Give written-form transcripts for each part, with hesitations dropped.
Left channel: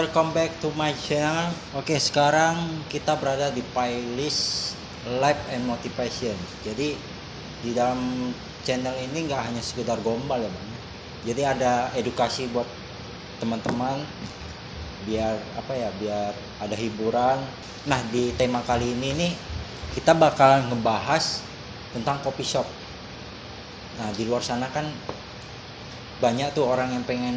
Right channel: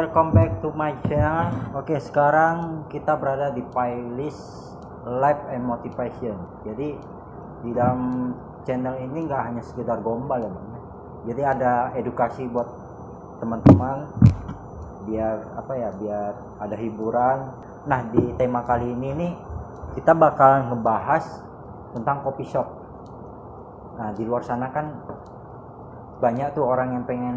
welcome back to my channel. Oke, sekarang kita berada di playlist Life and Motivation. Jadi di dalam channel ini nggak hanya sekedar gombal ya, Bang. Jadi ada edukasi buat teman-teman, biar biar ada hiburan. Nah, di tema kali ini nih kita bakal ngebahas tentang coffee shop. Nah, di luar sana kan banyak tuh orang yang pengen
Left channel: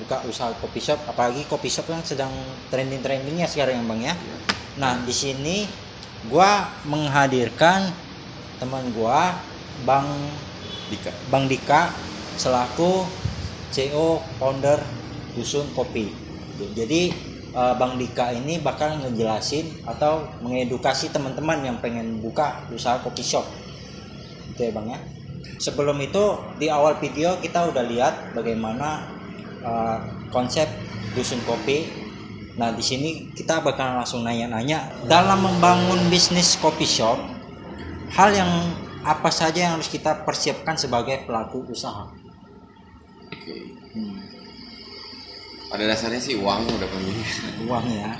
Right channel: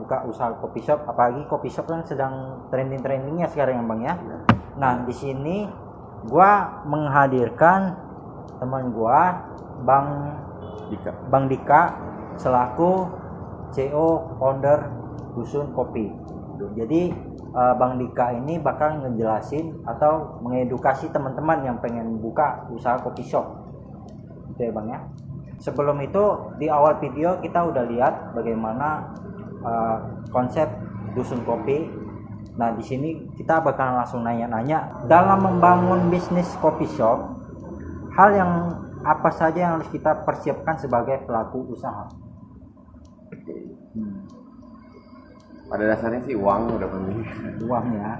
buka usaha coffee shop, apalagi coffee shop yang sedang trending-trendingnya sekarang ya, Bang ya. Nah, di sini gua menghadirkan teman gua, Bang Dika selaku CEO founder Dusun Kopi. Jadi Bang Dika ini bakal ngejelasin atau mengedukasi teman-teman yang pengen buka usaha coffee shop. Gitu ya, Bang ya. Sebelum itu di awal video kita udah lihat bagaimana konsep Dusun Kopi. Nah, di sini kita bakal langsung nanya-nanya dalam membangun bisnis coffee shop, hal yang apa saja yang harus kita persiapkan sebagai pelaku usaha. Oke. Pada dasarnya sih uang udah penting. Uang ya.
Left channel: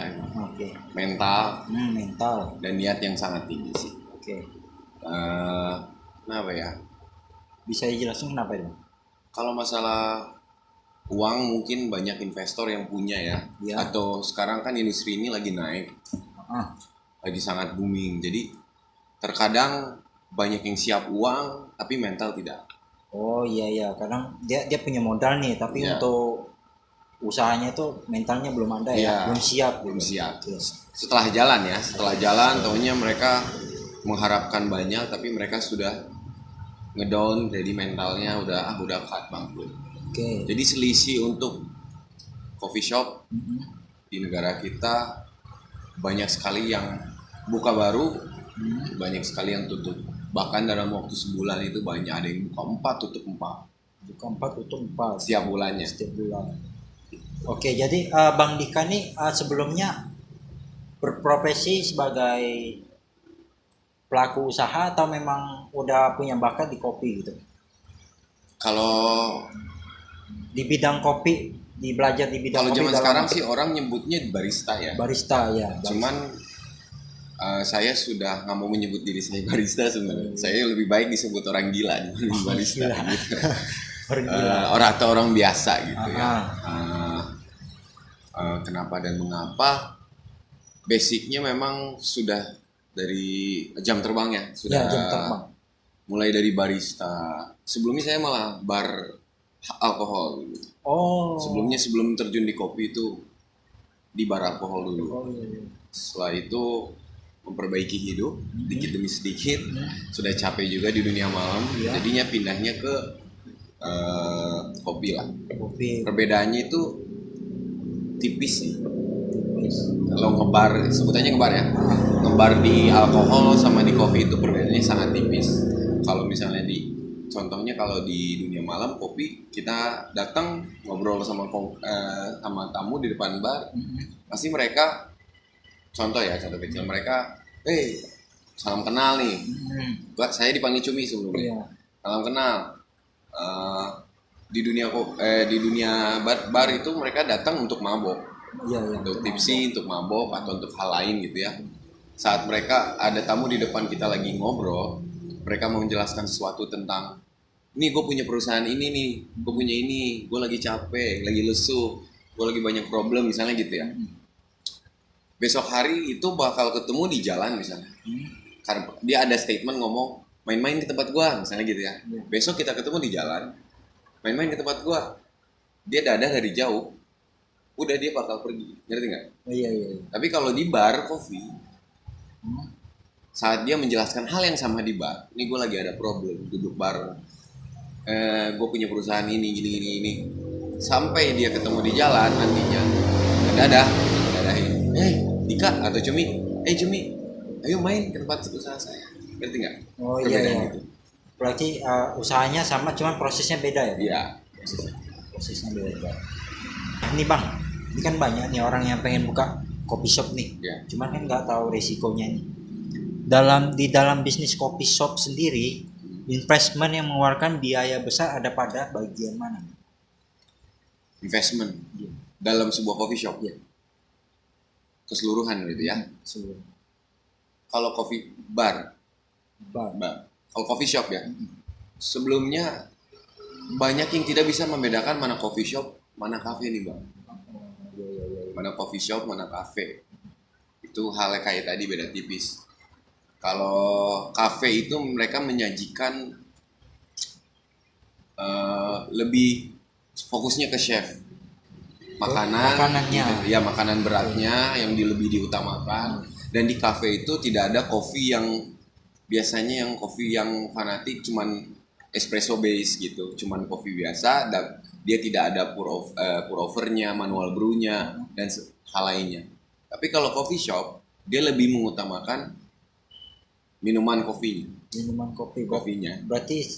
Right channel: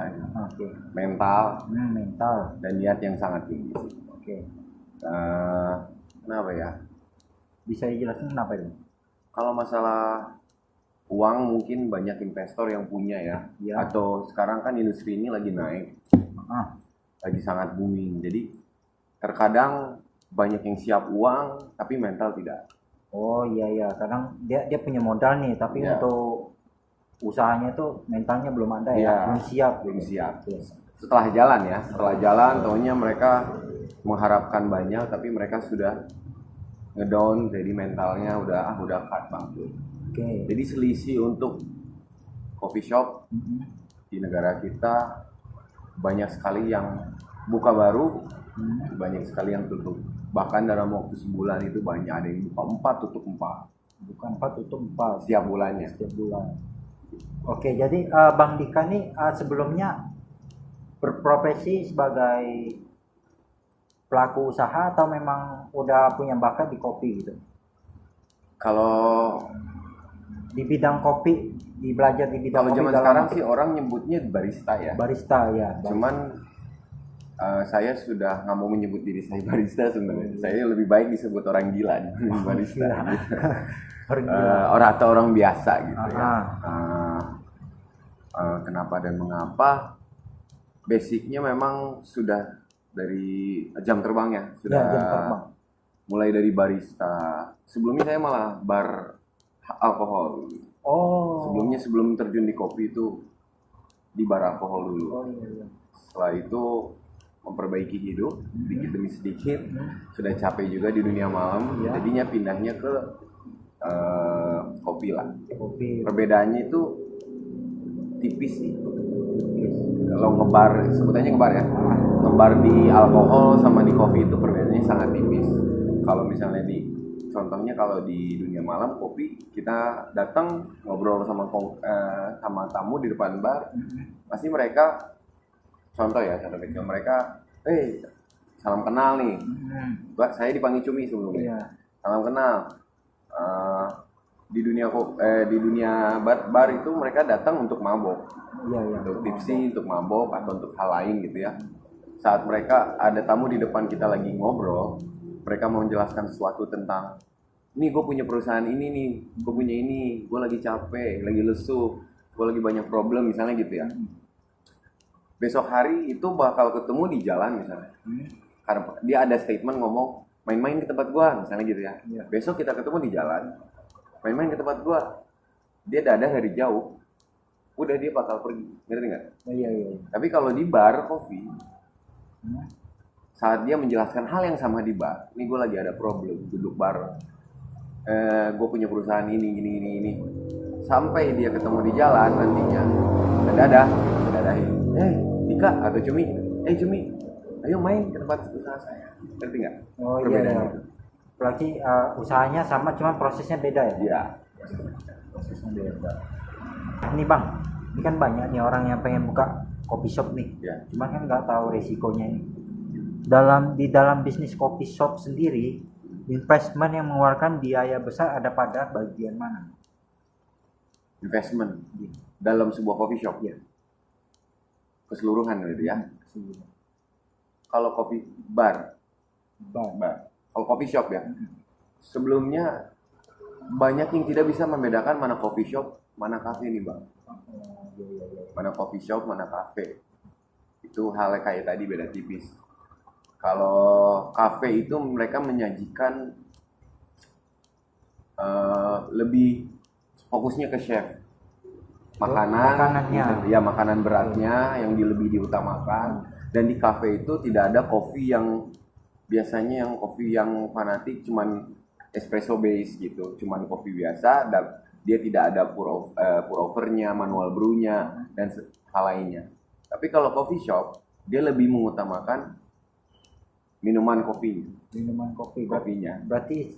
Oke. Mental. Mental. Dan niat yang sangat tinggi sih. Oke. Kenapa ya? Bisa dijelasin kenapa itu? Kalau masalah uang mungkin banyak investor yang punya ya. Atau sekarang kan industri ini lagi naik, lagi sangat booming. Jadi terkadang banyak yang siap uang tapi mental tidak. Oh iya, kadang dia punya modal nih, tapi untuk usahanya itu mentalnya belum ada ya, belum siap. Setelah jalan taunya mereka mengharapkan banyak tapi mereka sudah ngedown, jadi mentalnya udah cut bangkrut. Jadi selisih untuk coffee shop di negara kita banyak sekali yang buka baru, banyak sekali yang tutup. Bahkan dalam waktu sebulan itu banyak ada yang buka 4 tutup 4 setiap bulannya. Oke, jadi Bang Dika nih sebelumnya berprofesi sebagai pelaku usaha atau memang udah punya bakat di kopi gitu? Kalau di bidang kopi, belajar di bidang kalau kopi. Zaman sekarang sih orang nyebutnya barista ya. Barista. Cuman saya sudah nggak mau menyebut diri saya barista sebenarnya. Saya lebih baik disebut orang gila dibanding barista. Gitu. Orang biasa gitu ya. Kenapa dan mengapa? Basicnya memang sudah dari jam terbang ya, sudah mulai dari barista. Sebelumnya saya malah bar alkohol. Sebelum terjun di kopi itu di bar alkohol dulu. Setelah itu memperbaiki hidup sedikit demi sedikit. Sudah capek juga di dunia malam. Jadinya pindahnya ke kopi lah. Perbedaannya itu tipis sih. Kalau ngebar, sebutannya ngebar ya, ngebar di alkohol sama di kopi itu perbedaannya sangat tipis. Kalau misalnya contohnya kalau di dunia malam kopi, kita datang ngobrol sama tamu di depan bar, pasti mereka, contoh kecil, mereka, salam kenal nih, saya dipanggil Cumi sebelumnya, salam kenal. Di dunia bar itu mereka datang untuk mabok. Untuk tipsi, untuk mabok, atau untuk hal lain gitu ya. Saat mereka ada tamu di depan kita lagi ngobrol, mereka mau menjelaskan sesuatu tentang, nih gue punya perusahaan ini nih, gue punya ini, gue lagi capek, lagi lesu, gue lagi banyak problem misalnya gitu ya. Besok hari itu bakal ketemu di jalan misalnya, karena dia ada statement ngomong main-main ke tempat gue misalnya gitu ya. Besok kita ketemu di jalan, main-main ke tempat gue, dia dadah dari jauh, udah dia bakal pergi, ngerti nggak? Iya. Tapi kalau di bar kopi, saat dia menjelaskan hal yang sama di bar, ini gue lagi ada problem, duduk bar, gue punya perusahaan ini, gini, sampai dia ketemu di jalan nantinya, dadahin, Dika atau Cumi, Cumi, ayo main ke tempat usaha saya, ngerti nggak? Iya. Itu. Berarti usahanya sama, cuman prosesnya beda ya? Iya. Prosesnya beda. Nih Bang, ini kan banyak nih orang yang pengen buka coffee shop nih, cuman kan nggak tahu resikonya nih. Di dalam bisnis coffee shop sendiri, investment yang mengeluarkan biaya besar ada pada bagian mana? Investment dalam sebuah coffee shop. keseluruhan gitu ya. Keseluruhan. Kalau coffee bar, kalau coffee shop ya, sebelumnya banyak yang tidak bisa membedakan mana coffee shop, mana cafe nih bang. Mana coffee shop, mana cafe. Itu halnya kayak tadi beda tipis. Kalau cafe itu mereka menyajikan lebih fokusnya ke chef. Makanannya. gitu. Ya makanan beratnya yang lebih diutamakan. Dan di cafe itu tidak ada kopi yang biasanya yang kopi yang fanatik cuman espresso base gitu, cuman kopi biasa. Dia tidak ada pour overnya, manual brewnya dan hal lainnya. Tapi kalau coffee shop dia lebih mengutamakan minuman kopinya. Kopinya. Berarti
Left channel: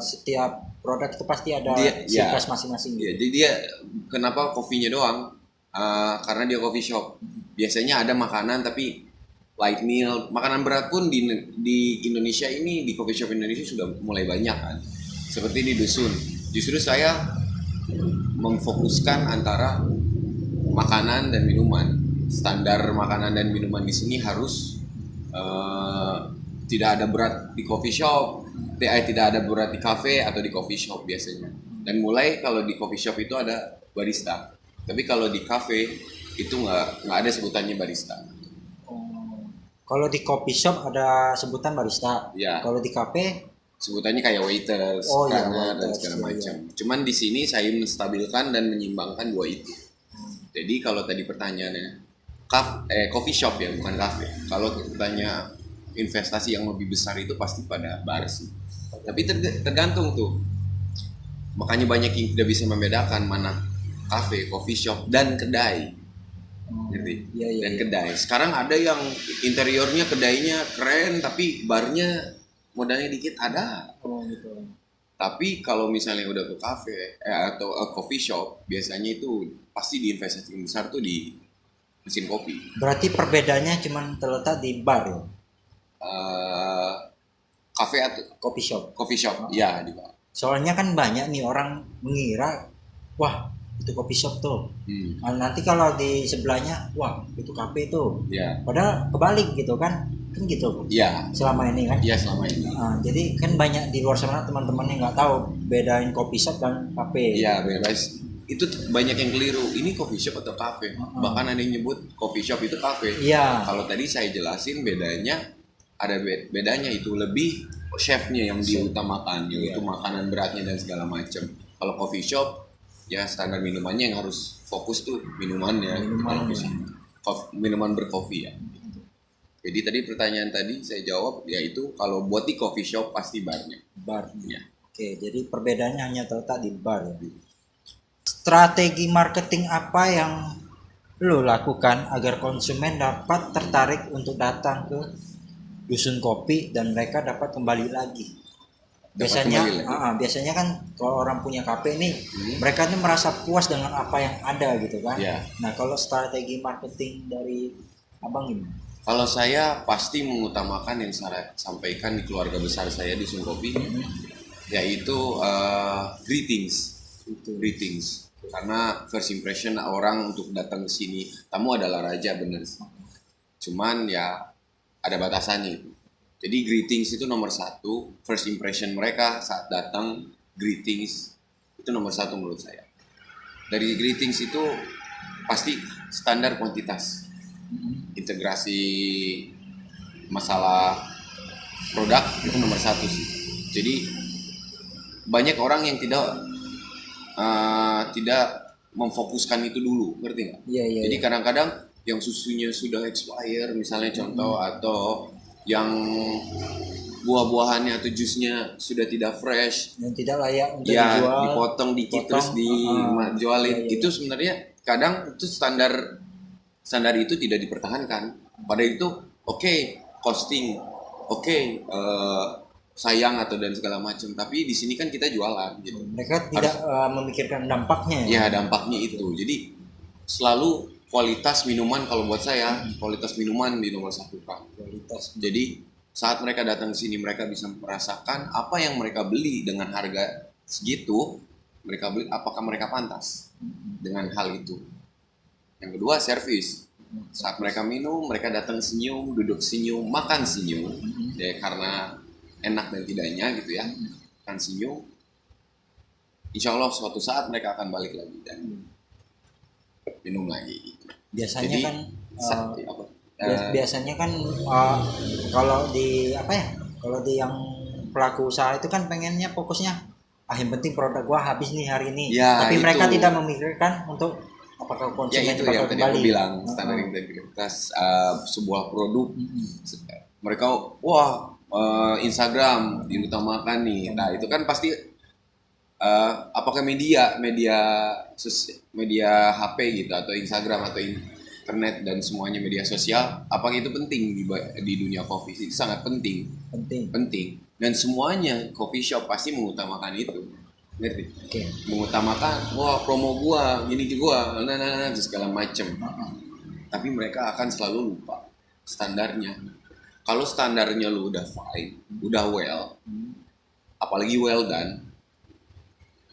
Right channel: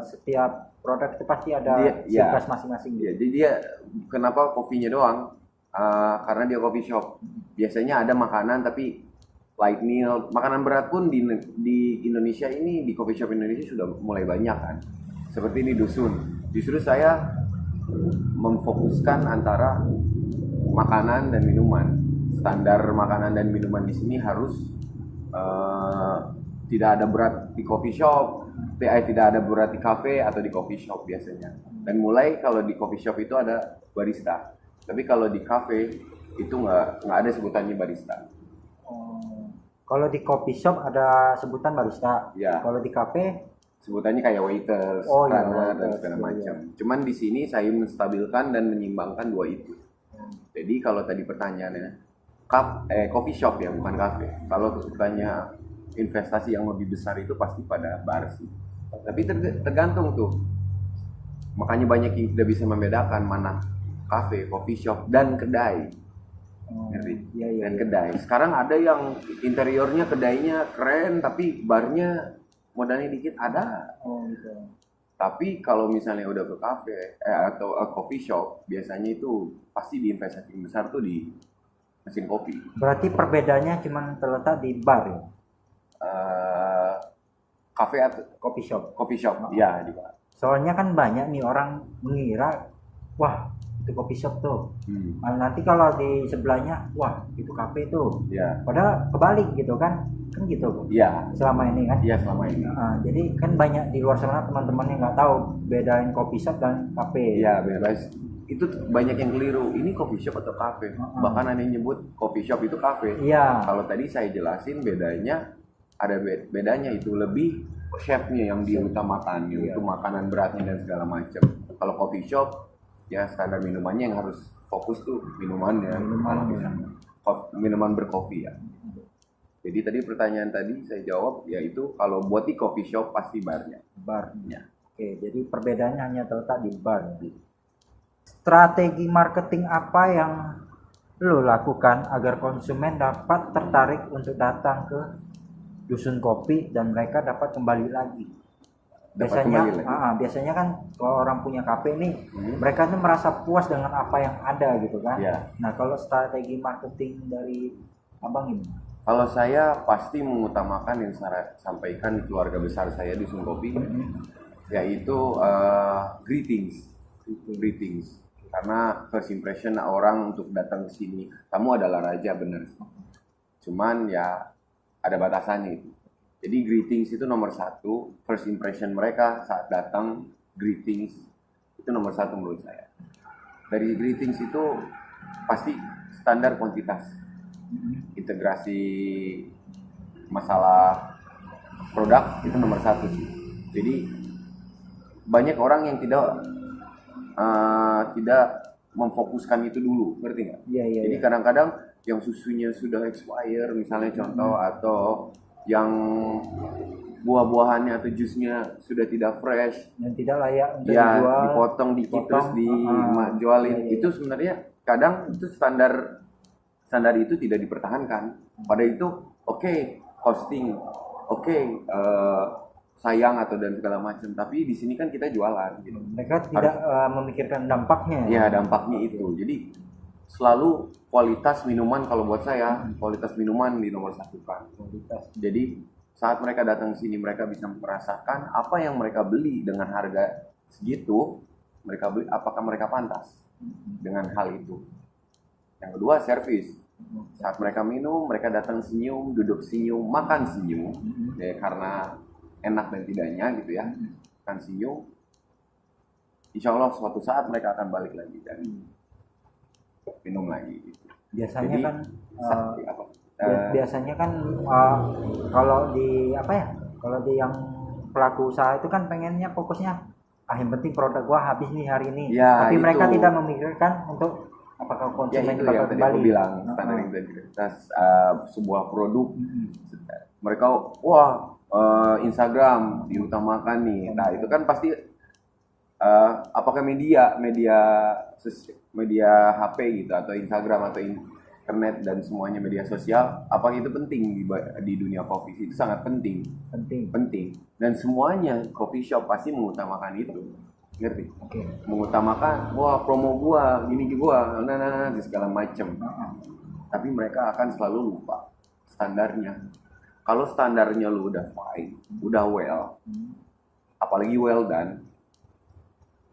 setiap produk itu pasti ada Dia, ciri khas masing-masing. Ya, jadi dia kenapa kopinya doang? Karena dia coffee shop. Biasanya ada makanan tapi light meal, makanan berat pun di Indonesia ini, di coffee shop Indonesia sudah mulai banyak kan. Seperti di Dusun. Justru saya memfokuskan antara makanan dan minuman. Standar makanan dan minuman di sini harus tidak ada berat di coffee shop, tidak ada berat di cafe atau di coffee shop biasanya. Dan mulai kalau di coffee shop itu ada barista. Tapi kalau di cafe itu nggak ada sebutannya barista. Kalau di coffee shop ada sebutan barista. Ya. Kalau di cafe sebutannya kayak waiters, runner dan segala macam. Cuman di sini saya menstabilkan dan menyimbangkan dua itu. Jadi kalau tadi pertanyaannya coffee shop ya, bukan cafe. Kalau tanya investasi yang lebih besar itu pasti pada bar sih. Tapi tergantung tuh. Makanya banyak yang tidak bisa membedakan mana cafe, coffee shop dan kedai. Ngerti? Dan kedai. Sekarang ada yang interiornya kedainya keren tapi barnya modalnya dikit ada. Gitu. Tapi kalau misalnya udah ke cafe atau coffee shop, biasanya itu pasti diinvestasi besar tuh di mesin kopi. Berarti perbedaannya cuma terletak di bar ya? Cafe atau coffee shop. Coffee shop, ya di bar. Soalnya kan banyak nih orang mengira, wah itu coffee shop tuh. Nanti kalau di sebelahnya, wah itu cafe tuh. Ya. Padahal kebalik gitu kan gitu. Iya. Selama ini kan. Iya selama ini. Jadi kan banyak di luar sana teman-teman yang nggak tahu bedain coffee shop dan cafe. Iya bebas. Itu banyak yang keliru. Ini coffee shop atau cafe? Bahkan ada yang nyebut coffee shop itu cafe. Iya. Kalau tadi saya jelasin bedanya, ada bedanya itu lebih chefnya yang diutamakan, yaitu makanan beratnya dan segala macam. Kalau coffee shop ya standar minumannya yang harus fokus tuh minumannya, minuman berkopi ya. Jadi tadi pertanyaan tadi saya jawab yaitu kalau buat di coffee shop pasti barnya. Oke, jadi perbedaannya hanya terletak di bar ya. Strategi marketing apa yang lo lakukan agar konsumen dapat tertarik untuk datang ke Dusun Kopi dan mereka dapat kembali lagi? Biasanya kan kalau orang punya kafe nih, mereka tuh merasa puas dengan apa yang ada gitu kan. Nah, kalau strategi marketing dari abang ini? Kalau saya pasti mengutamakan yang saya sampaikan di keluarga besar saya di Dusun Kopi, yaitu greetings. Karena first impression orang untuk datang ke sini, tamu adalah raja bener. Cuman ya ada batasannya itu. Jadi greetings itu nomor satu, first impression mereka saat datang, greetings itu nomor satu menurut saya. Dari greetings itu pasti standar kuantitas, integrasi masalah produk itu nomor satu sih. Jadi banyak orang yang tidak memfokuskan itu dulu, ngerti nggak? Jadi kadang-kadang yang susunya sudah expire misalnya contoh, atau yang buah-buahannya atau jusnya sudah tidak fresh, yang tidak layak untuk dijual, dipotong dikit terus dijualin. Itu sebenarnya kadang itu standar itu tidak dipertahankan. Pada itu costing, sayang atau dan segala macam, tapi di sini kan kita jualan gitu. Mereka tidak memikirkan dampaknya. Ya dampaknya itu. Jadi selalu kualitas minuman, kalau buat saya kualitas minuman di nomor satu kan. Jadi saat mereka datang ke sini mereka bisa merasakan apa yang mereka beli dengan harga segitu, mereka beli apakah mereka pantas dengan hal itu. Yang kedua servis. Saat mereka minum, mereka datang senyum, duduk senyum, makan senyum. Ya karena enak dan tidaknya gitu ya. Makan senyum. Insya Allah suatu saat mereka akan balik lagi dan minum lagi. Gitu. Biasanya Jadi, kan apa? biasanya kan kalau di apa ya? Kalau di yang pelaku usaha itu kan pengennya fokusnya yang penting produk gua habis nih hari ini. Ya, Tapi mereka itu. tidak memikirkan untuk apakah Ya konsumen itu bakal yang tadi aku kembali. bilang, standar integritas sebuah produk. Mereka wah Instagram diutamakan nih. Nah itu kan pasti apakah media HP gitu atau Instagram atau internet dan semuanya media sosial, apakah itu penting di dunia coffee? Itu sangat penting. Penting. Dan semuanya coffee shop pasti mengutamakan itu, ngerti? Oke. Mengutamakan wah promo gua gini gua segala macem. Tapi mereka akan selalu lupa standarnya. Kalau standarnya lu udah fine, udah well, apalagi well done,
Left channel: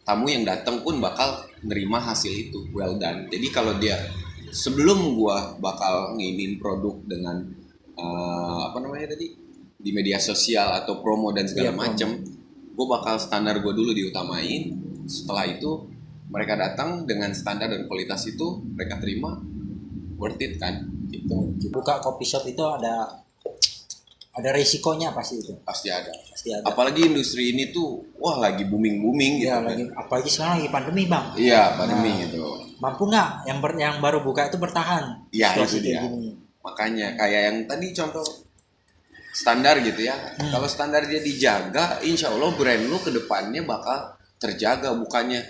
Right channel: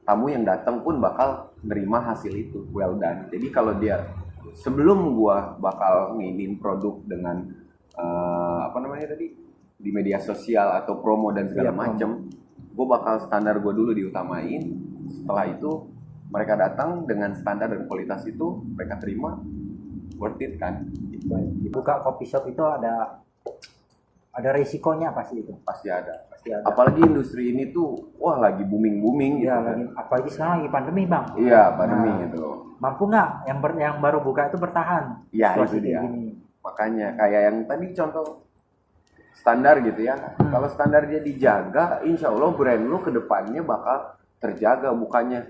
tamu yang datang pun bakal nerima hasil itu well done. Jadi kalau dia sebelum gua bakal nginin produk dengan apa namanya tadi di media sosial atau promo dan segala macem, gua bakal standar gua dulu diutamain. Setelah itu mereka datang dengan standar dan kualitas itu mereka terima, worth it kan? Gitu. Buka coffee shop itu ada resikonya pasti itu. Pasti ada. Pasti ada. Apalagi industri ini tuh wah lagi booming gitu Ya, kan. apalagi sekarang lagi pandemi, Bang. Iya, pandemi gitu. Mampu nggak yang baru buka itu bertahan? Iya, situasi itu dia. kayak gini? Makanya kayak yang tadi contoh standar gitu ya. Kalau standar dia dijaga, insya Allah brand lu ke depannya bakal terjaga. Bukannya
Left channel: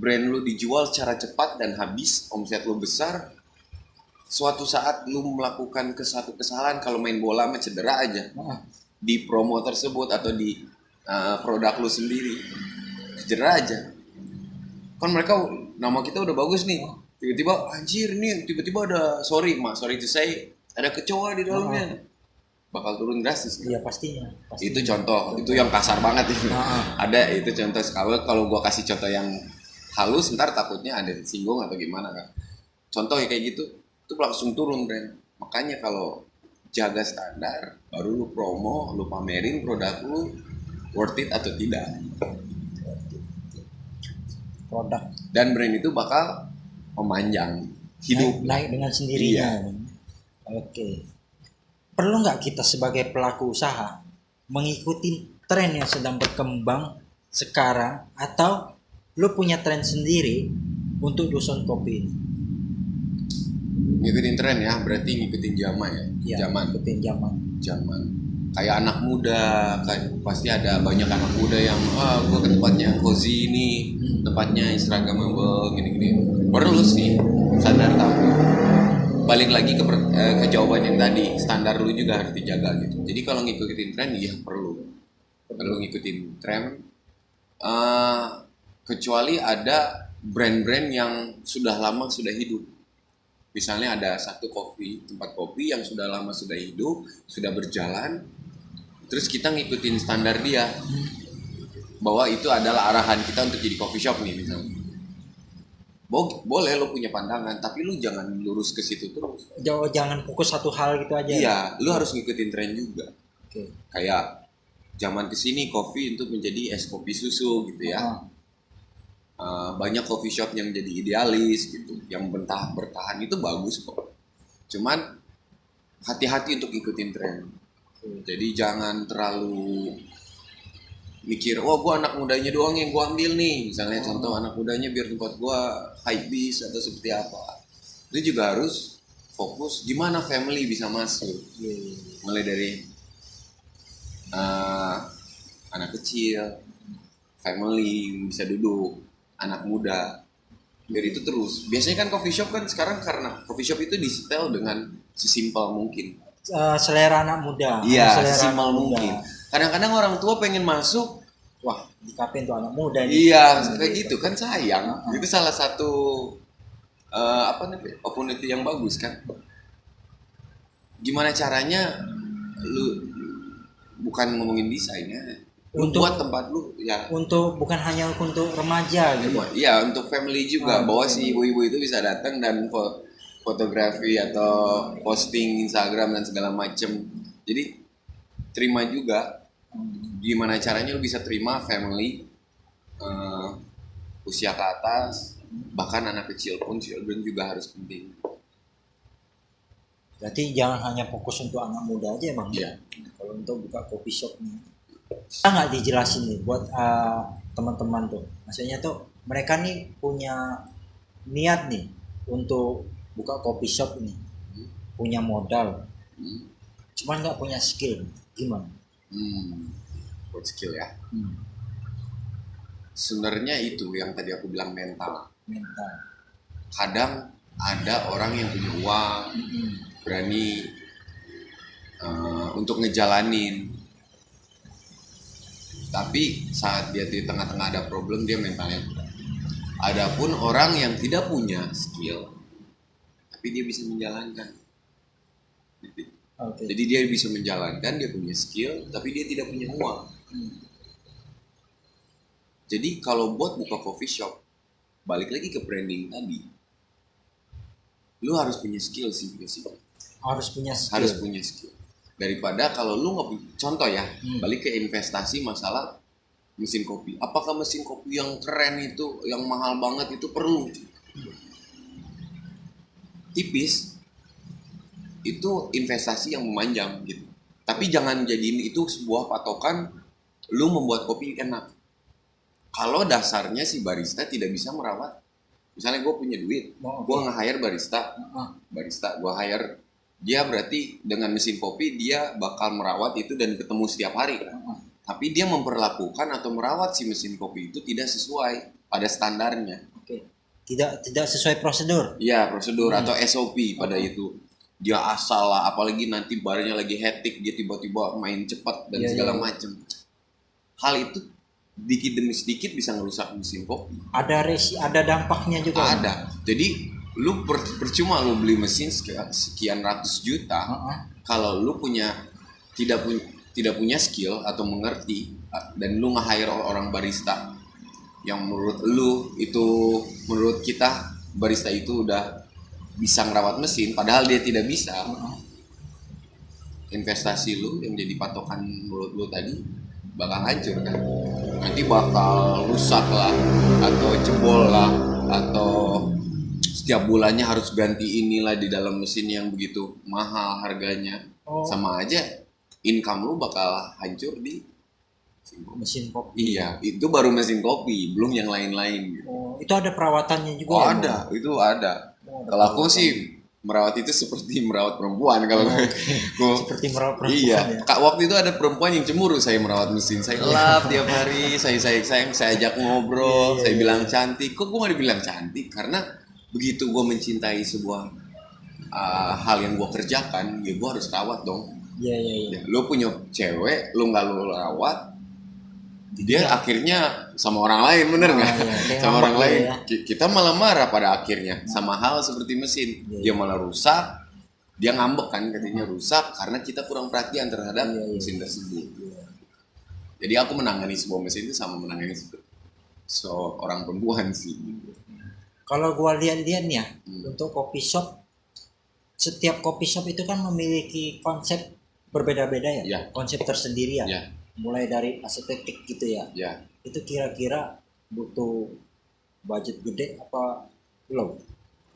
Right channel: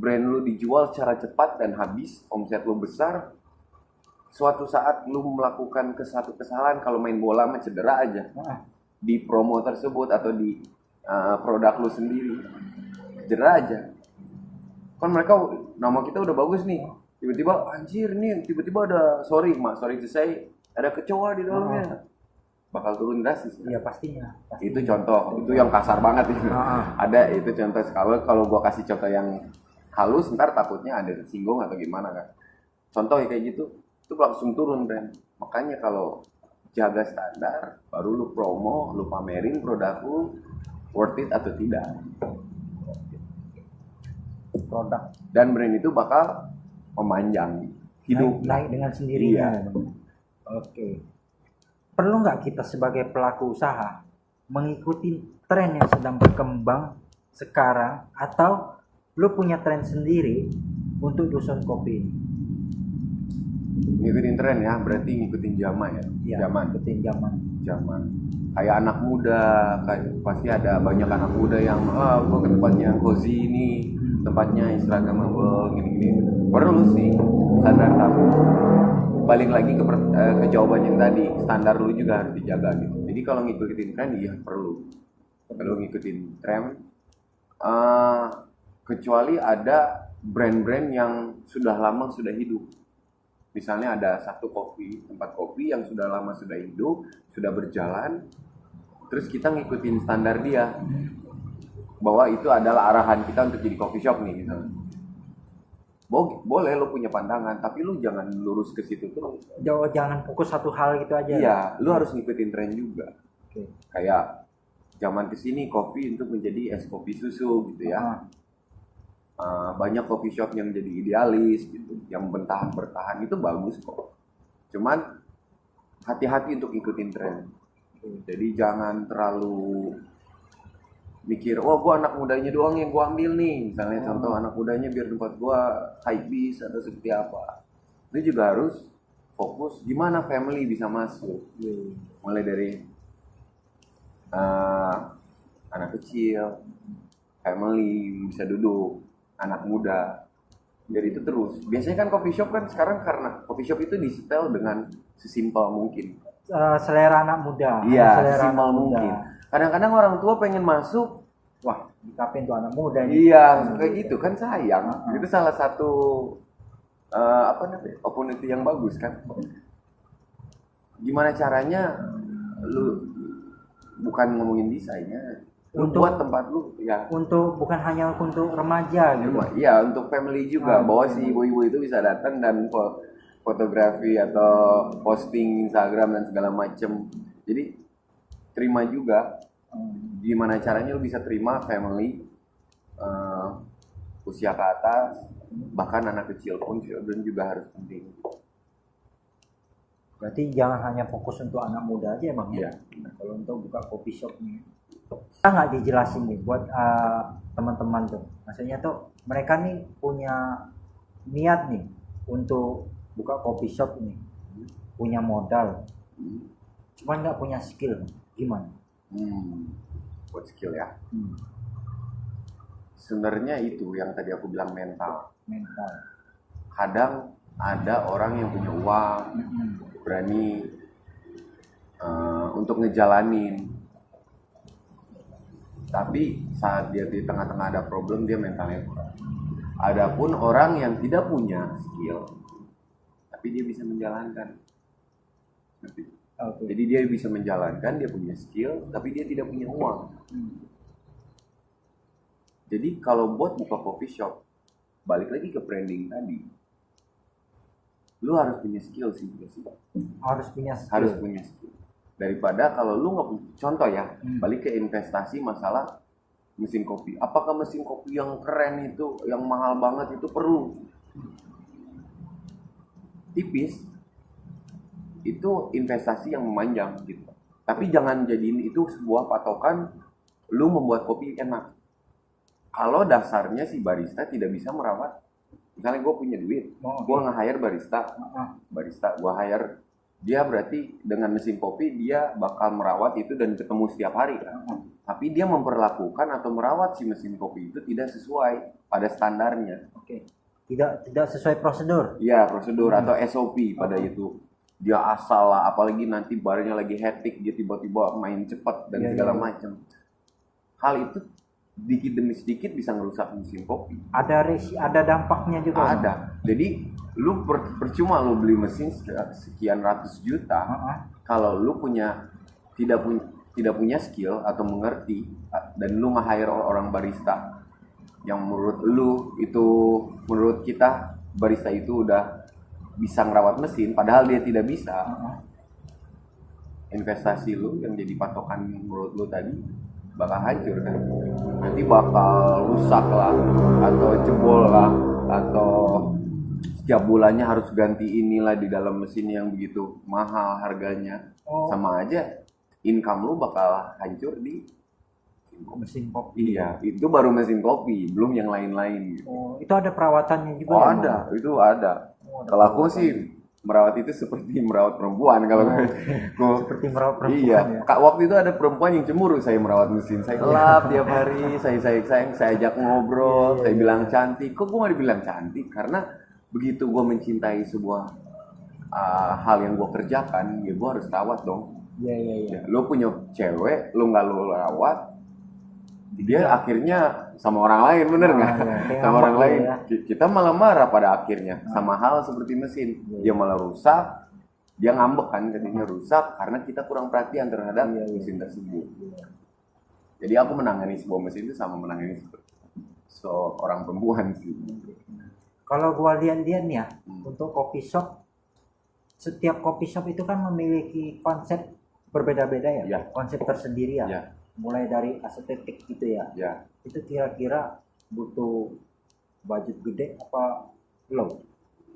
brand lu dijual secara cepat dan habis, omset lu besar. Suatu saat lu melakukan satu kesalahan, kalau main bola mah cedera aja. Di promo tersebut atau di produk lu sendiri, cedera aja. Kan mereka nama kita udah bagus nih. Tiba-tiba anjir nih, tiba-tiba ada sorry to say, ada kecoa di dalamnya. Bakal turun drastis kan? Iya pastinya. Itu contoh, itu yang kasar banget itu. Ada itu contoh. Kalau gua kasih contoh yang halus, ntar takutnya ada singgung atau gimana kan. Contoh kayak gitu, itu langsung turun brand. Makanya kalau jaga standar, baru lu promo, lu pamerin produk lu worth it atau tidak. Produk. Dan brand itu bakal memanjang hidup. Naik dengan sendirinya. Iya. Oke. Perlu nggak kita sebagai pelaku usaha mengikuti tren yang sedang berkembang sekarang atau lu punya tren sendiri untuk dusun kopi ini? Ngikutin tren ya, berarti ngikutin zaman ya. Iya, Zaman. ngikutin zaman. Kayak anak muda, kan pasti ada banyak anak muda yang gua ke tempatnya cozy ini, tempatnya instagramable gini-gini. Perlu sih standar tamu. Balik lagi ke jawaban yang tadi, standar lu juga harus dijaga gitu. Jadi kalau ngikutin tren iya perlu ngikutin tren. Kecuali ada brand-brand yang sudah lama sudah hidup. Misalnya ada satu tempat kopi yang sudah lama sudah hidup, sudah berjalan, terus kita ngikutin standar dia, bahwa itu adalah arahan kita untuk jadi coffee shop nih misalnya. Boleh lo punya pandangan, tapi lu jangan lurus ke situ terus. Jangan fokus satu hal gitu aja. Iya, lu harus ngikutin tren juga. Oke. Kayak zaman kesini kopi untuk menjadi es kopi susu gitu ya. Banyak coffee shop yang jadi idealis gitu, yang bertahan itu bagus kok. Cuman hati-hati untuk ikutin tren. Jadi jangan terlalu mikir, gua anak mudanya doang yang gua ambil nih. Misalnya contoh anak mudanya biar tempat gua hype bis atau seperti apa. Itu juga harus fokus gimana family bisa masuk. Mulai dari anak kecil, family bisa duduk, anak muda, biar itu terus. Biasanya kan coffee shop kan sekarang karena coffee shop itu disetel dengan sesimpel mungkin. Selera anak muda. Iya, sesimpel mungkin. Kadang-kadang orang tua pengen masuk, wah di kafe tuh anak muda nih. Iya, kayak gitu kan sayang. Itu salah satu opportunity yang bagus kan. Gimana caranya lu bukan ngomongin desainnya, buat tempat lu ya. Bukan hanya untuk remaja gitu. Iya, untuk family juga. Bahwa si ibu-ibu itu bisa datang dan fotografi atau posting Instagram dan segala macem. Jadi terima juga. Gimana caranya lu bisa terima family, usia ke atas, bahkan anak kecil pun, children juga harus penting. Berarti jangan hanya fokus untuk anak muda aja emang. Iya. Kalau untuk buka coffee shop nih, kita nggak dijelasin nih buat teman-teman tuh. Maksudnya tuh mereka nih punya niat nih untuk buka coffee shop nih, punya modal, cuman nggak punya skill, gimana? Buat skill ya. Sebenarnya itu yang tadi aku bilang mental. Kadang ada orang yang punya uang, berani untuk ngejalanin, tapi saat dia di tengah-tengah ada problem, dia mentalnya kurang. Adapun orang yang tidak punya skill tapi dia bisa menjalankan. Jadi dia bisa menjalankan, dia punya skill tapi dia tidak punya uang. Jadi kalau buat buka coffee shop, balik lagi ke branding tadi, lu harus punya skill sih. Harus punya skill. Daripada kalau lu nggak punya, contoh ya, balik ke investasi masalah mesin kopi. Apakah mesin kopi yang keren itu, yang mahal banget itu perlu? Tipis, itu investasi yang memanjang gitu. Tapi jangan jadiin itu sebuah patokan lu membuat kopi enak. Kalau dasarnya si barista tidak bisa merawat, misalnya gue punya duit, gue nge-hire barista, gue hire dia, berarti dengan mesin kopi dia bakal merawat itu dan ketemu setiap hari kan. Tapi dia memperlakukan atau merawat si mesin kopi itu tidak sesuai pada standarnya. Tidak sesuai prosedur. Iya, prosedur atau SOP pada itu. Dia asal lah, apalagi nanti barnya lagi hectic, dia tiba-tiba main cepat dan segala macam. Hal itu dikit demi sedikit bisa ngerusak mesin kopi. Ada dampaknya juga. Ada. Jadi lu percuma lu beli mesin sekian ratus juta kalau lu tidak punya skill atau mengerti, dan lu nge-hire orang barista yang menurut kita barista itu udah bisa ngerawat mesin padahal dia tidak bisa. Investasi lu yang jadi patokan menurut lu tadi bakal hancur kan. Nanti bakal rusak lah, atau jebol lah, atau setiap bulannya harus ganti inilah di dalam mesin yang begitu mahal harganya. Sama aja income lu bakal hancur di mesin kopi. Iya, itu baru mesin kopi, belum yang lain-lain gitu. Itu ada perawatannya juga ya? Ada, itu ada. Kalau aku sih merawat itu seperti merawat perempuan kalau seperti merawat perempuan. Iya, ya? Kak, waktu itu ada perempuan yang cemburu saya merawat mesin. Saya lap tiap hari, saya sayang, saya ajak ngobrol, saya bilang cantik. Kok gue gak dibilang cantik? Karena begitu gue mencintai sebuah hal yang gue kerjakan, ya gue harus rawat dong. Iya. Lo punya cewek, lo nggak lo rawat, dia akhirnya sama orang lain, bener nggak? Sama orang lain. Kita malah marah pada akhirnya. Sama hal seperti mesin, dia malah rusak, dia ngambek kan, katanya rusak karena kita kurang perhatian terhadap mesin tersebut. Jadi aku menangani sebuah mesin itu sama menangani seorang perempuan sih. Kalau gua lihat-lihat nih ya, untuk coffee shop, setiap coffee shop itu kan memiliki konsep berbeda-beda ya, konsep tersendiri ya. Mulai dari estetik gitu ya. Itu kira-kira butuh budget gede apa low?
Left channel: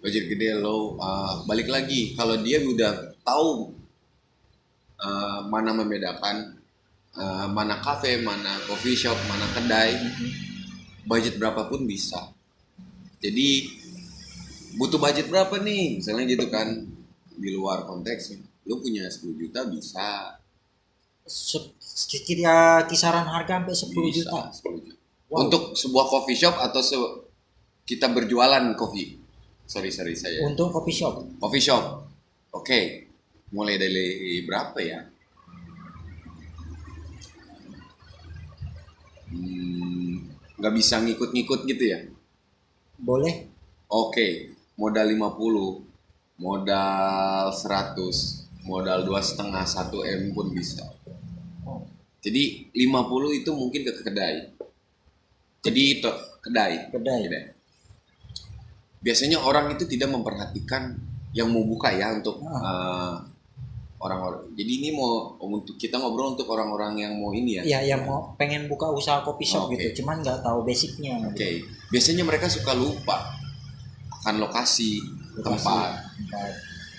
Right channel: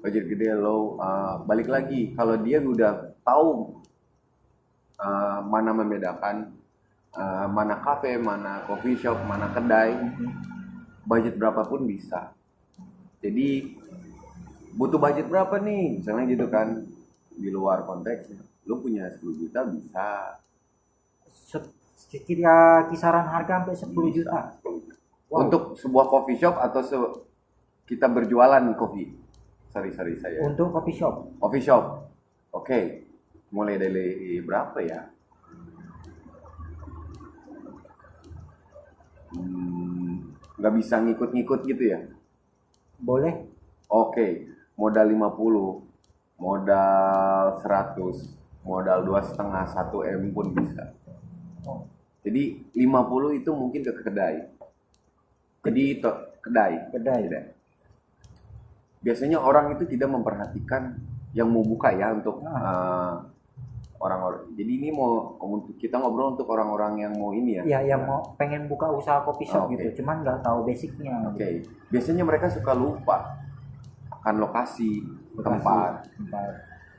Budget gede low, balik lagi kalau dia udah tahu mana membedakan mana kafe, mana coffee shop, mana kedai, budget berapapun bisa. Jadi butuh budget berapa nih? Misalnya gitu kan, di luar konteksnya. Lu punya 10 juta bisa. Kisaran harga sampai 10 juta. 10 juta. Wow. Untuk sebuah coffee shop atau kita berjualan kopi. Sorry saya. Untuk coffee shop. Coffee shop. Oke. Mulai dari berapa ya? Nggak bisa ngikut-ngikut gitu ya? Boleh. Oke. Modal 50, modal 100, modal 2,5, 1 M pun bisa. Jadi 50 itu mungkin ke kedai. Jadi kedai. Biasanya orang itu tidak memperhatikan yang mau buka ya untuk Ah. orang-orang. Jadi ini mau untuk kita ngobrol untuk orang-orang yang mau ini ya. Iya, yang mau pengen buka usaha kopi shop Oh, oke. gitu, cuman nggak tahu basicnya. Oke. Biasanya mereka suka lupa akan lokasi, tempat. Tempat.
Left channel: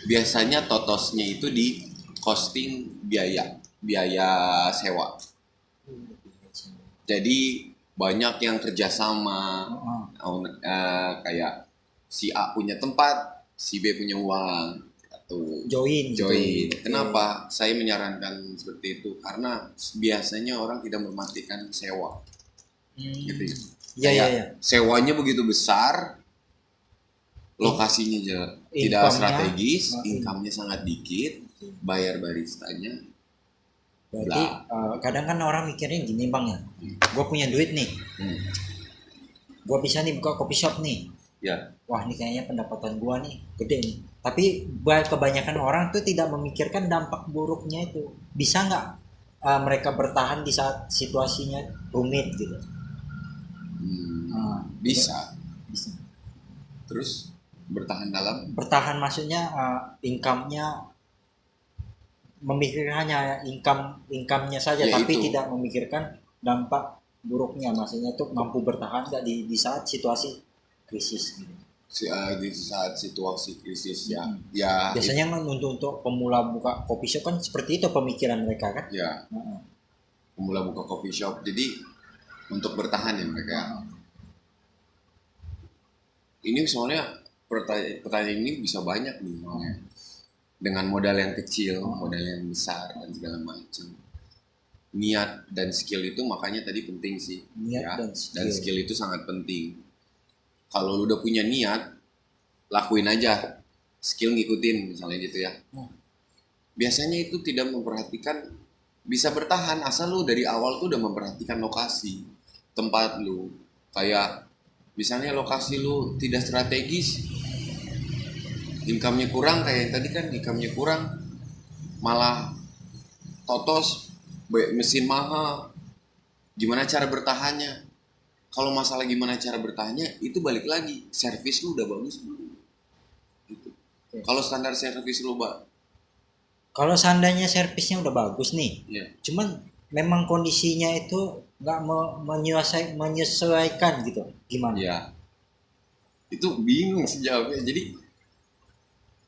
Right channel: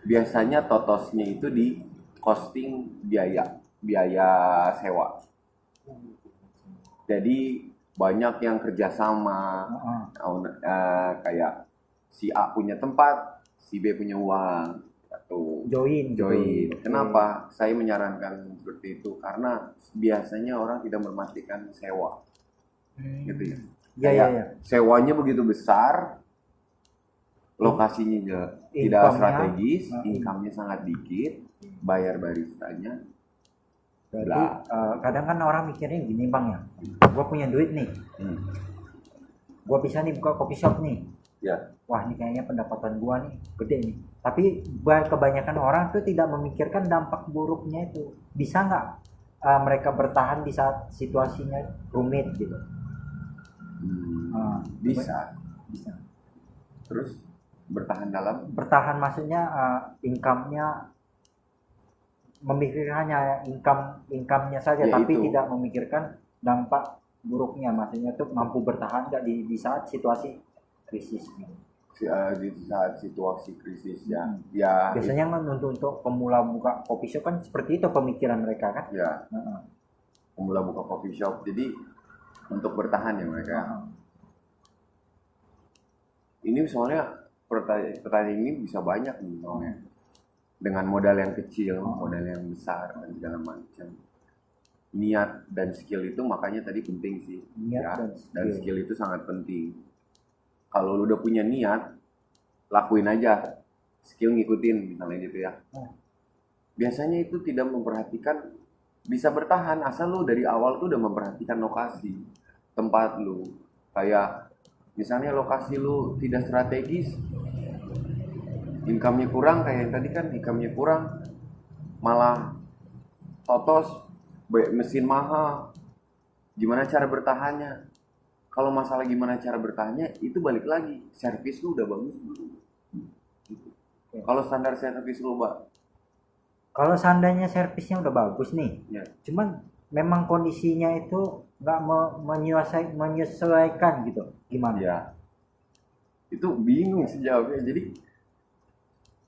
Biasanya totosnya itu di costing biaya sewa. Jadi banyak yang kerjasama, kayak si A punya tempat, si B punya uang, atau Join. join. Gitu. Kenapa saya menyarankan seperti itu? Karena biasanya orang tidak memperhatikan sewa, gitu ya. Iya, Kayak iya. sewanya begitu besar, lokasinya tidak Income-nya, strategis, income-nya sangat dikit, bayar baristanya. Berarti kadang kan orang mikirnya gini bang ya, gue punya duit nih, gue bisa nih buka kopi shop nih. Ya. Wah ini kayaknya pendapatan gue nih gede nih. Tapi kebanyakan orang tuh tidak memikirkan dampak buruknya itu. Bisa nggak mereka bertahan di saat situasinya rumit gitu? Bisa. Bisa. Terus bertahan dalam? Bertahan maksudnya income-nya, memikirkan hanya income-nya saja, Ya, tapi itu. tidak memikirkan dampak buruknya. Maksudnya tuh mampu bertahan nggak di saat situasi krisis. Di saat situasi krisis ya. Ya. Biasanya kan untuk pemula buka kopi shop kan seperti itu pemikiran mereka kan. Ya. Pemula buka coffee shop. Jadi untuk bertahan ya mereka. Ini soalnya pertanyaan ini bisa banyak nih soalnya. Dengan modal yang kecil, modal yang besar dan segala macam. Niat dan skill itu makanya tadi penting sih. Niat dan skill itu sangat penting. Kalau lu udah punya niat, lakuin aja. Skill ngikutin misalnya gitu ya. Biasanya itu tidak memperhatikan, bisa bertahan asal lu dari awal tuh udah memperhatikan lokasi, tempat lu. Kayak misalnya lokasi lu tidak strategis, income-nya kurang, kayak tadi kan income-nya kurang, malah totos, mesin mahal, gimana cara bertahannya? Kalau masalah gimana cara bertahannya, itu balik lagi, servis lu udah bagus belum? Gitu. Kalau standar servis lu, kalau seandainya servisnya udah bagus nih, cuman memang kondisinya itu nggak menyesuaikan gitu, gimana? Ya, itu bingung sih jawabnya. Jadi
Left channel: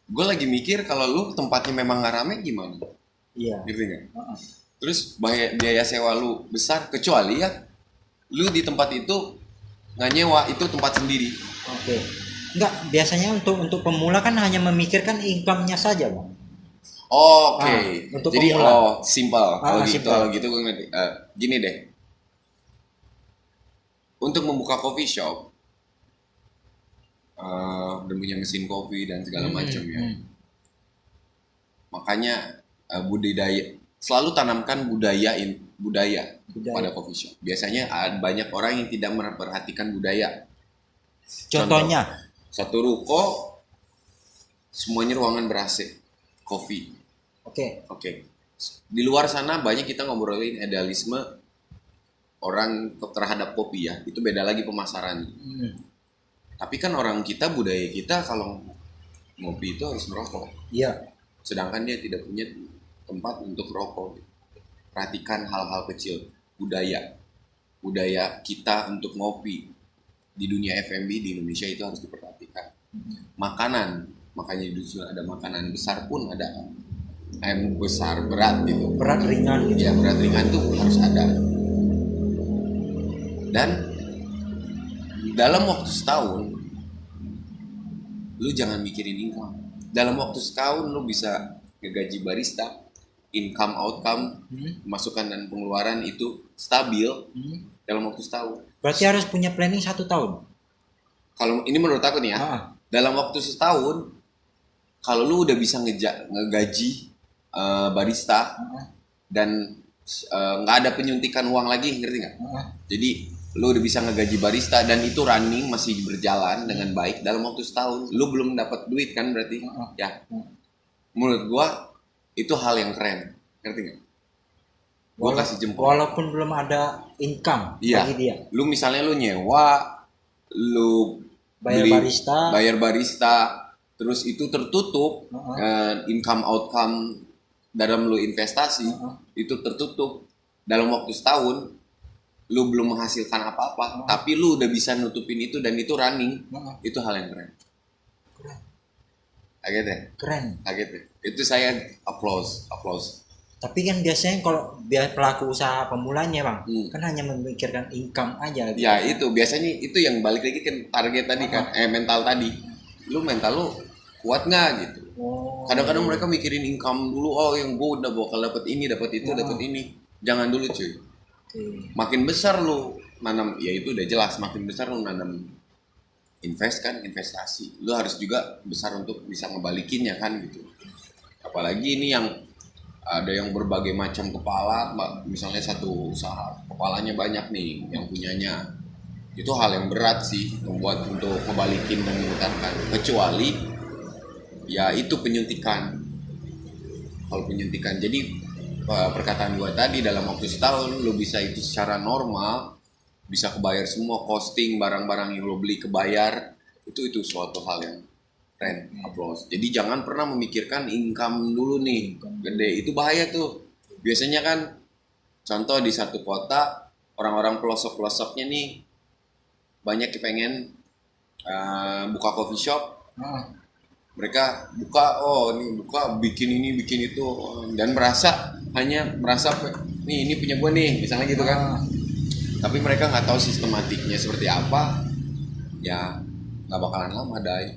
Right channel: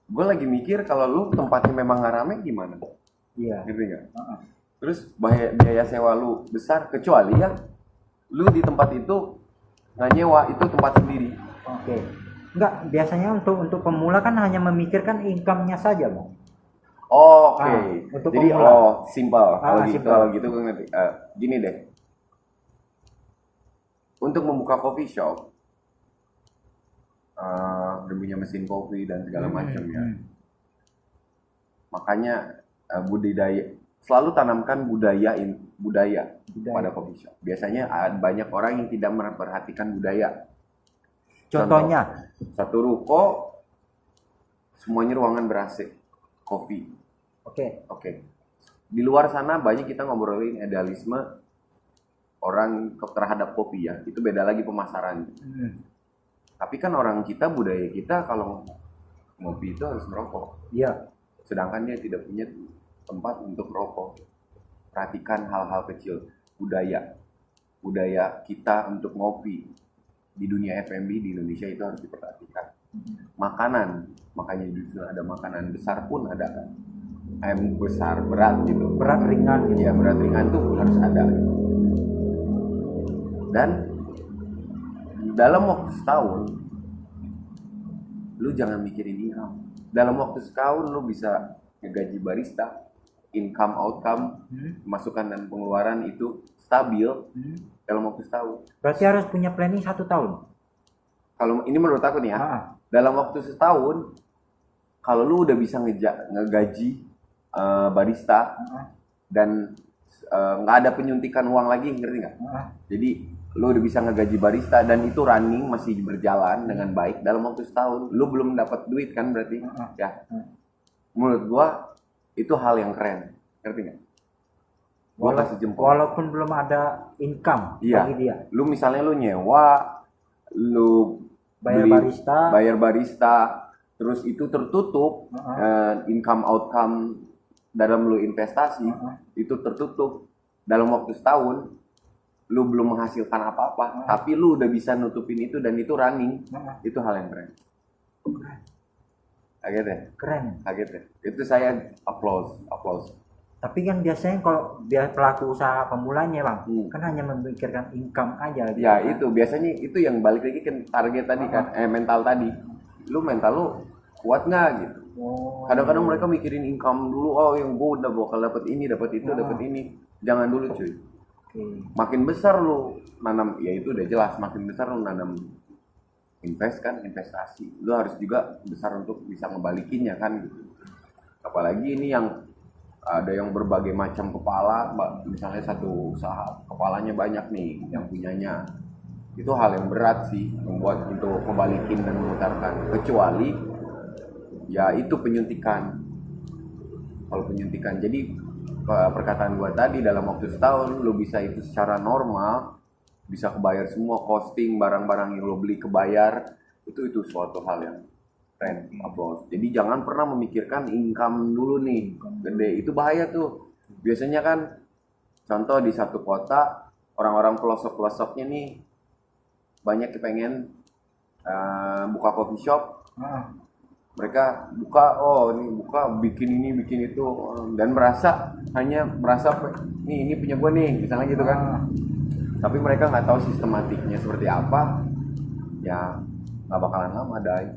gue lagi mikir kalau lu tempatnya memang nggak rame gimana? Iya. Ngerti nggak? Terus biaya sewa lu besar, kecuali ya lu di tempat itu nggak nyewa, itu tempat sendiri. Oke. Enggak, biasanya untuk pemula kan hanya memikirkan income-nya saja, Bang. Oke. Jadi pemula. simple. Kalau gitu gue ngerti. Gini deh. Untuk membuka coffee shop, dan punya mesin kopi dan segala macam ya. Makanya budidaya, selalu tanamkan budaya pada coffee shop. Biasanya ada banyak orang yang tidak memperhatikan budaya. Contohnya, satu ruko semuanya ruangan ber-AC, kopi. Oke. Di luar sana banyak kita ngobrolin idealisme orang terhadap kopi ya. Itu beda lagi pemasaran. Tapi kan orang kita, budaya kita kalau ngopi itu harus merokok. Iya. Sedangkan dia tidak punya tempat untuk rokok. Perhatikan hal-hal kecil. Budaya kita untuk ngopi di dunia F&B di Indonesia itu harus diperhatikan. Makanan, makanya justru ada makanan besar pun ada. Besar, berat gitu. Berat ringan gitu. Ya, berat ringan tuh harus ada. Dan dalam waktu setahun lu jangan mikirin income. Dalam waktu setahun lu bisa ngegaji barista, income, outcome, masukan dan pengeluaran itu stabil dalam waktu setahun. Berarti harus punya planning 1 tahun. Kalau ini menurut aku nih ya, dalam waktu setahun, kalau lu udah bisa ngegaji barista dan nggak ada penyuntikan uang lagi, ngerti nggak? Jadi lu udah bisa ngegaji barista dan itu running masih berjalan dengan baik dalam waktu setahun, lu belum dapat duit kan berarti? Ya. Menurut gua itu hal yang keren, ngerti nggak? Gua kasih jempol. Walaupun belum ada income bagi dia. Lu misalnya lu nyewa, lu bayar barista, terus itu tertutup, income outcome dalam lu investasi itu tertutup dalam waktu setahun, lu belum menghasilkan apa-apa, tapi lu udah bisa nutupin itu dan itu running, itu hal yang keren. Kaget ya? Keren. Kaget ya? Itu saya applause. Tapi kan biasanya kalau biar pelaku usaha pemulanya bang, kan hanya memikirkan income aja. Gitu. Ya itu biasanya itu yang balik lagi ke target tadi kan, mental tadi. Mental lu kuat nggak gitu? Kadang-kadang mereka mikirin income dulu, oh yang gue udah bakal dapat ini, dapat itu, dapat ini. Jangan dulu cuy. Makin besar lu nanam, ya itu udah jelas. Makin besar lu nanam investasi. Lu harus juga besar untuk bisa ngebalikinnya kan gitu. Apalagi ini yang ada yang berbagai macam kepala, misalnya satu usaha kepalanya banyak nih yang punyanya, itu hal yang berat sih membuat untuk ngebalikin dan memutarkan, kecuali ya itu penyuntikan. Kalau penyuntikan, jadi perkataan gua tadi dalam waktu setahun lu bisa itu secara normal, bisa kebayar semua costing, barang-barang yang lu beli kebayar, itu suatu hal yang keren, applause. Jadi jangan pernah memikirkan income dulu nih, gede, itu bahaya tuh. Biasanya kan, contoh di satu kota, orang-orang pelosok-pelosoknya nih, banyak yang pengen buka coffee shop, mereka buka, bikin ini, bikin itu, dan merasa ini punya gue nih, misalnya gitu kan. Tapi mereka nggak tahu sistematiknya seperti apa, ya nggak bakalan lama dai.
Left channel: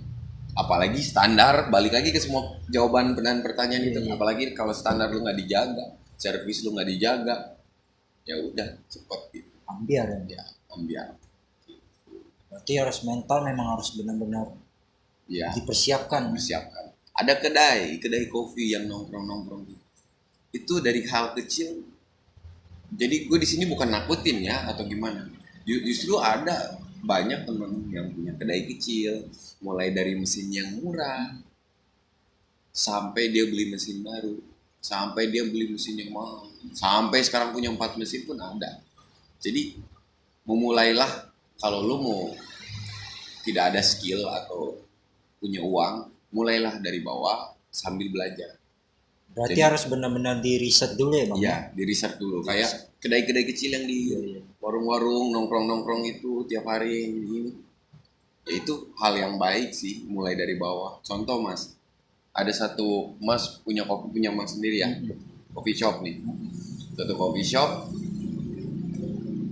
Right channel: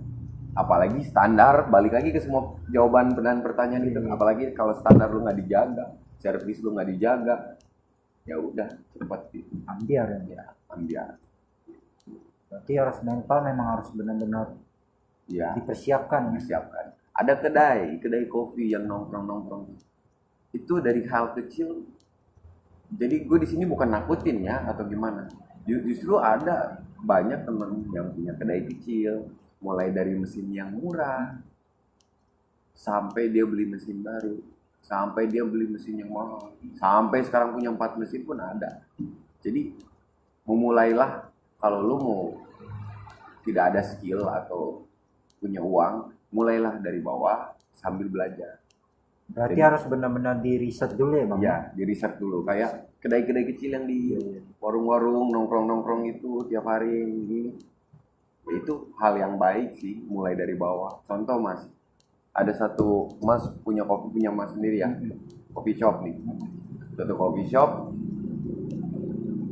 Apalagi standar, balik lagi ke semua jawaban dan pertanyaan itu. Apalagi kalau standar lu nggak dijaga, servis lu nggak dijaga, ya udah cepet gitu. Ambiar ya. Ambiar. Berarti harus mental, memang harus benar-benar dipersiapkan. Ada kedai kopi yang nongkrong itu dari hal kecil. Jadi gue di sini bukan nakutin ya atau gimana. Justru ada banyak temen yang punya kedai kecil, mulai dari mesin yang murah sampai dia beli mesin baru, sampai dia beli mesin yang mahal, sampai sekarang punya 4 mesin pun ada. Jadi memulailah, kalau lu mau tidak ada skill atau punya uang, mulailah dari bawah sambil belajar. Berarti harus benar-benar di riset dulu ya bang? Iya, di riset dulu. Kayak kedai-kedai kecil yang di warung-warung, nongkrong-nongkrong itu tiap hari ini. Ya itu hal yang baik sih, mulai dari bawah. Contoh mas, ada satu mas punya mas sendiri ya, coffee shop nih. Satu coffee shop,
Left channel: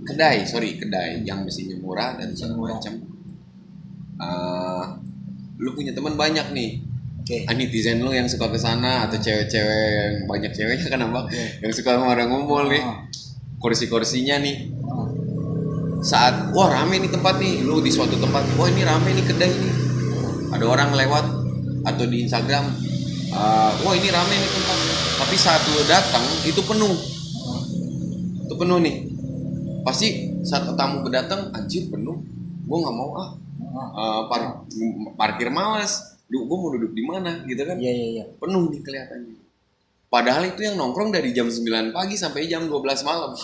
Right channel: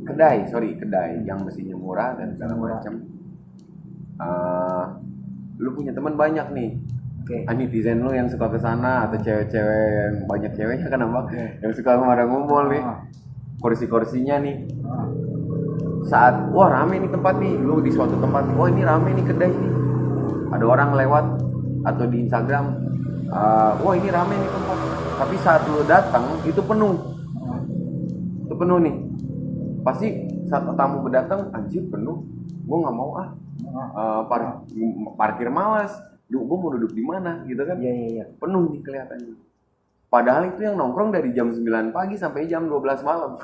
kedai yang mesinnya murah dan segala macam. Lu punya teman banyak nih. Netizen lu yang suka kesana atau cewek-cewek yang banyak ceweknya kan abang, yang suka kemana ngumpul nih, kursi-kursinya nih, saat rame nih tempat nih, lu di suatu tempat, ini rame nih kedai nih, ada orang lewat atau di Instagram, ini rame nih tempat, tapi saat lu datang itu penuh nih, pasti saat tamu berdatang, anjir penuh, gue nggak mau parkir malas. Gue mau duduk di mana gitu kan? Iya. Penuh nih kelihatannya. Padahal itu yang nongkrong dari jam 9 pagi sampai jam 12 malam.